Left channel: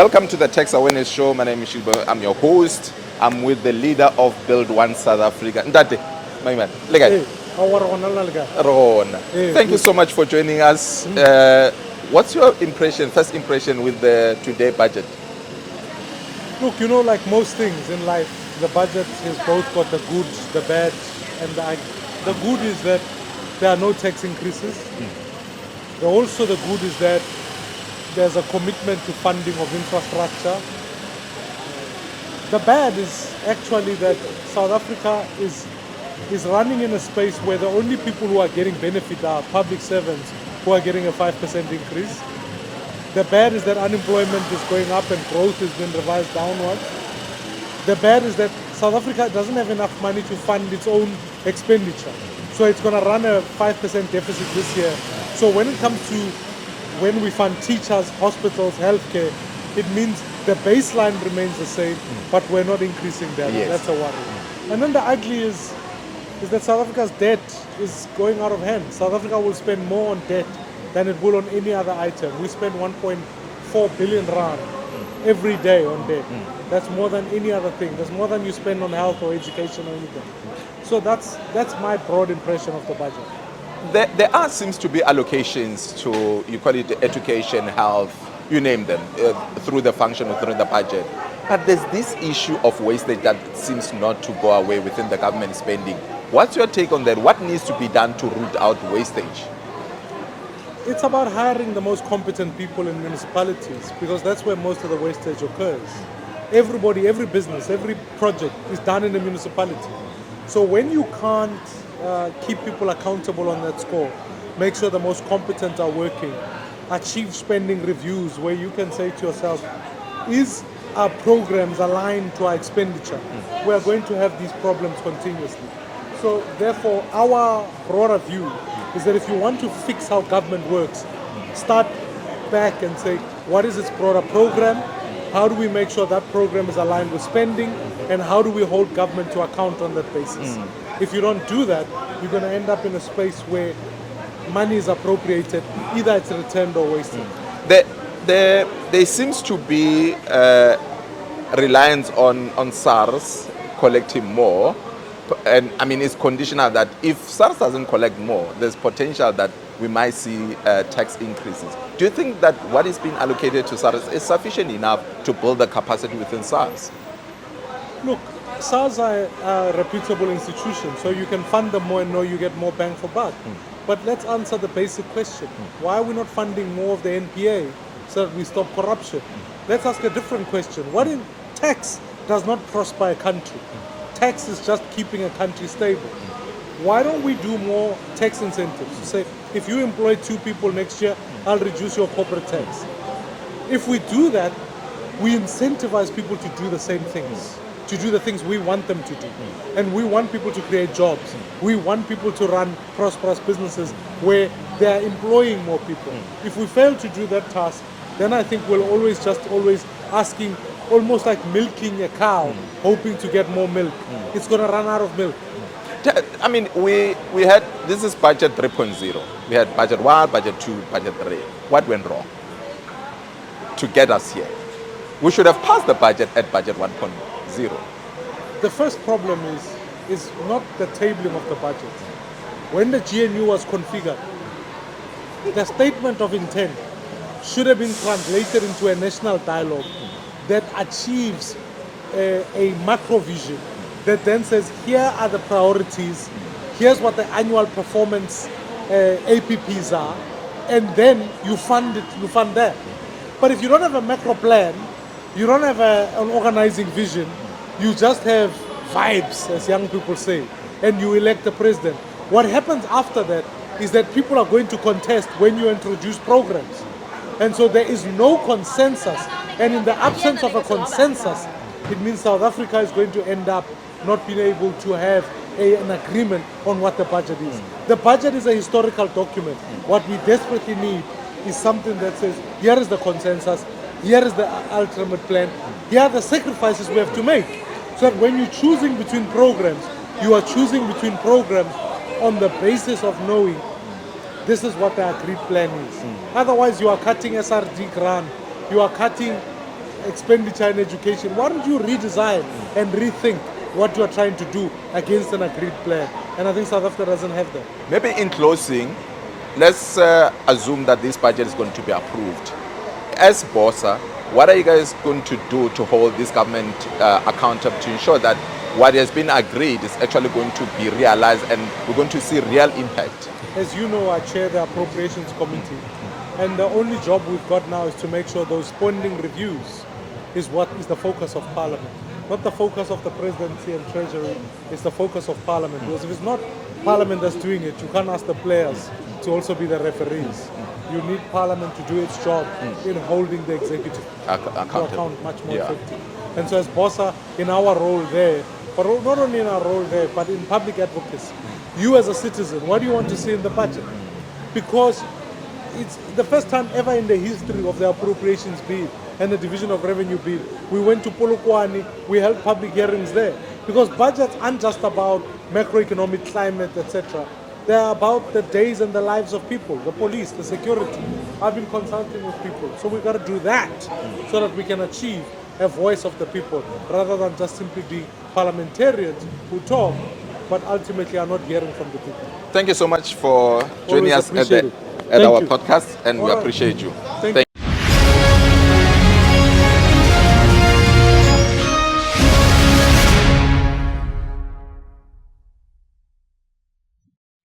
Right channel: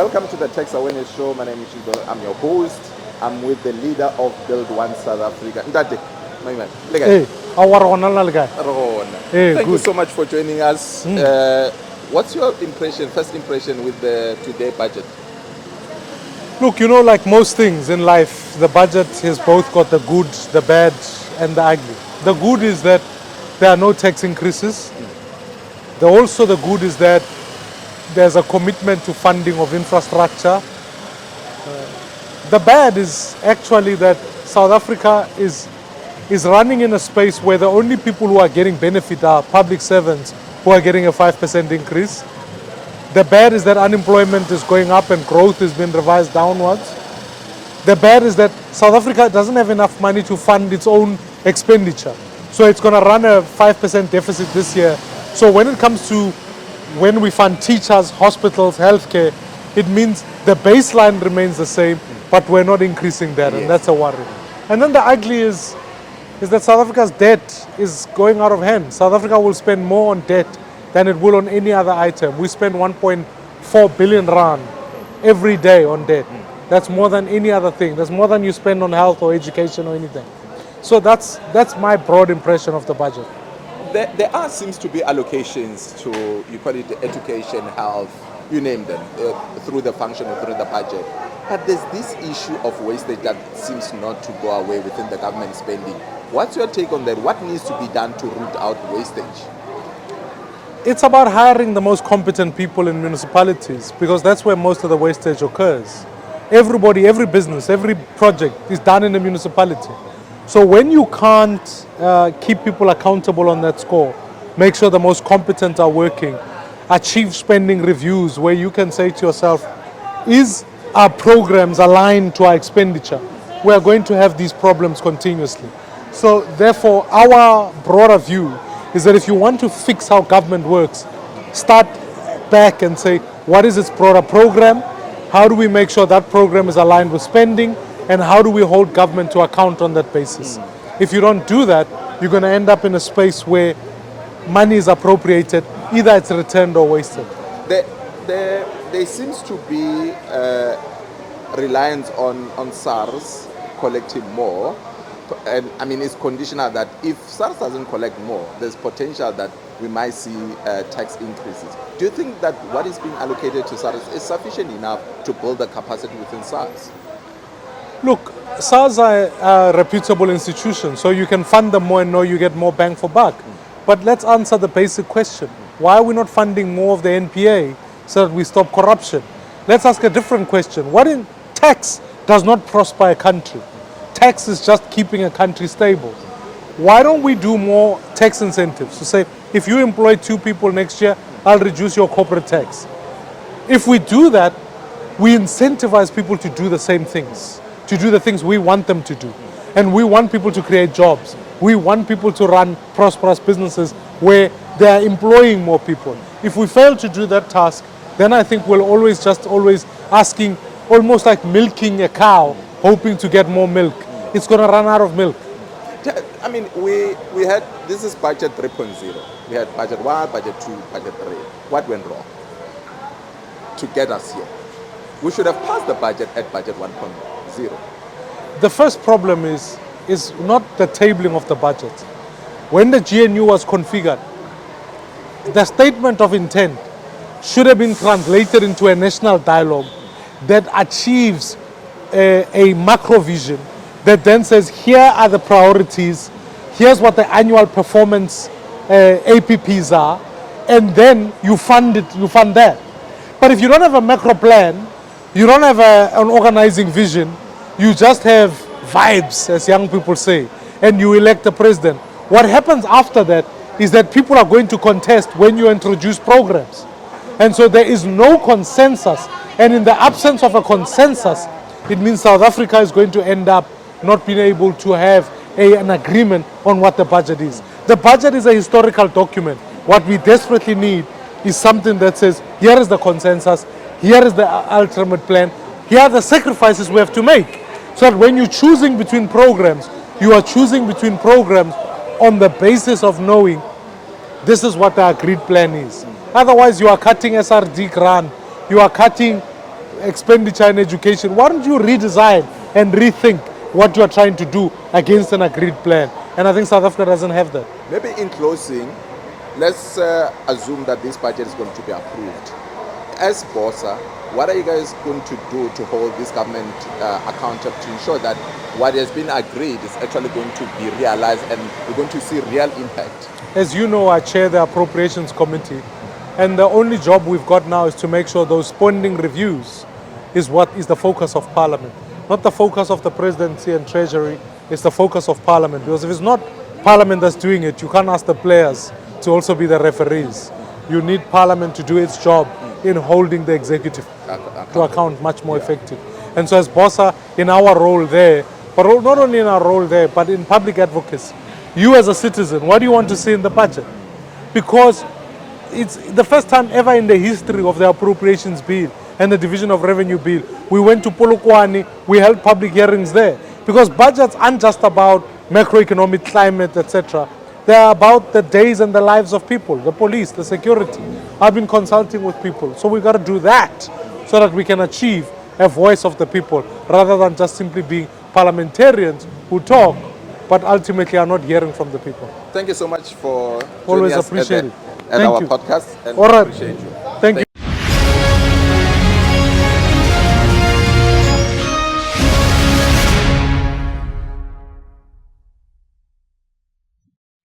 Welcome to the Tax Awareness Show. My name is Shibo. I'm your host. I'm with the leader of Build One South Africa. Ndate, my man. Hey, Ron. Hey, Thank you good. so much for joining us. What's your first impression with the today budget? Look, like most things in life, the budget has both got the good, the bad, and the ugly. The good is that there are no tax increases. The good is that there's a commitment to funding of infrastructure. The bad is actually that South Africa is running in a space where the only people who are getting benefit are public servants who are getting a 5% increase. The bad is that unemployment is going up and growth has been revised downwards. The bad is that South Africa doesn't have enough money to fund its own expenditure. So it's going to run a 5% deficit this year. So when it comes to when we fund teachers, hospitals, healthcare, it means the baseline remains the same, but we're not increasing that, Yes. and that's a worry. And then the ugly is that South Africa's debt is going out of hand. South Africa will spend more on debt than it will on any other item. We spend 1.4 billion rand every day on debt. That's more than any other thing. That's more than you spend on health or education or anything. So that's my broad impression of the budget. There seems to be allocations to, you call it education, health, you name them, through the function or through the budget. But there's this issue of wastage that seems not to go away within the government spending. What's your take on that? What needs to be done to root out wastage? It's about hiring the most competent people in municipalities because that's where most of the wastage occurs. Everybody, every business, every project is done in a municipality. So when you can't keep people accountable on that score, make sure the most competent are working, achieve spending reviews where you can say to yourself, is our programs aligned to our expenditure? We are going to have these problems continuously. So therefore, our broader view is that if you want to fix how government works, start back and say, what is its broader program? How do we make sure that program is aligned with spending? And how do we hold government to account on that basis? If you don't do that, you're going to end up in a space where money is appropriated, either it's returned or wasted. There seems to be reliance on SARS collecting more. And I mean, it's conditional that if SARS doesn't collect more, there's potential that we might see tax increases. Do you think that what is being allocated to SARS is sufficient enough to build the capacity within SARS? Look, SARS are a reputable institution, so you can fund them more and know you get more bang for buck. But let's answer the basic question. Why are we not funding more of the NPA so that we stop corruption? Let's ask a different question. What in tax does not prosper a country? Tax is just keeping a country stable. Why don't we do more tax incentives to say, if you employ 2 people next year, I'll reduce your corporate tax. If we do that, we incentivize people to do the same things, to do the things we want them to do. And we want people to create jobs. We want people to run prosperous businesses where they are employing more people. If we fail to do that task, then I think we'll always asking, almost like milking a cow, hoping to get more milk. It's going to run out of milk. I mean, we had, this is budget 3.0. We had budget 1, budget 2, budget 3. What went wrong to get us here? We should have passed the budget at budget 1.0. The first problem is not the tabling of the budget. When the GNU was configured, the statement of intent should have been translated into a national dialogue that achieves a macro vision that then says, here are the priorities, here's what the annual performance APPs are, and then you fund that. But if you don't have a macro plan, you don't have an organizing vision, you just have vibes, as young people say, and you elect a president. What happens after that is that people are going to contest when you introduce programs. And so there is no consensus. And in the absence of a consensus, it means South Africa is going to end up not being able to have an agreement on what the budget is. The budget is a historical document. What we desperately need is something that says, here is the consensus, here is the ultimate plan, here are the sacrifices we have to make. So that when you're choosing between programs, you are choosing between programs on the basis of knowing this is what the agreed plan is. Otherwise, you are cutting SRD grant, you are cutting expenditure in education, why don't you redesign and rethink what you are trying to do against an agreed plan? And I think South Africa doesn't have that. Maybe in closing, let's assume that this budget is going to be approved. As BOSA, what are you guys going to do to hold this government accountable to ensure that what has been agreed is actually going to be realized and we're going to see real impact? As you know, I chair the Appropriations Committee, and the only job we've got now is to make sure those spending reviews is what is the focus of Parliament. Not the focus of the Presidency and Treasury, it's the focus of Parliament. Because if it's not Parliament that's doing it, you can't ask the players to also be the referees. You need Parliament to do its job in holding the executive to account much more effective. And so as BOSA, in our role there, but not only in our role there, but in public advocacy, you as a citizen, what do you want to see in the budget? Because it's the first time ever in the history of the appropriations bill and the division of revenue bill, we went to Polokwane, we held public hearings there. Because budgets aren't just about macroeconomic climate, etc. They are about the days and the lives of people, the police, the security. I've been consulting with people. So we've got to do that so that we can achieve a voice of the people rather than just simply being parliamentarians who talk but ultimately are not hearing from the people. Thank you so much for Always joining us appreciate it. at Thank our you. podcast, and All right. appreciate you.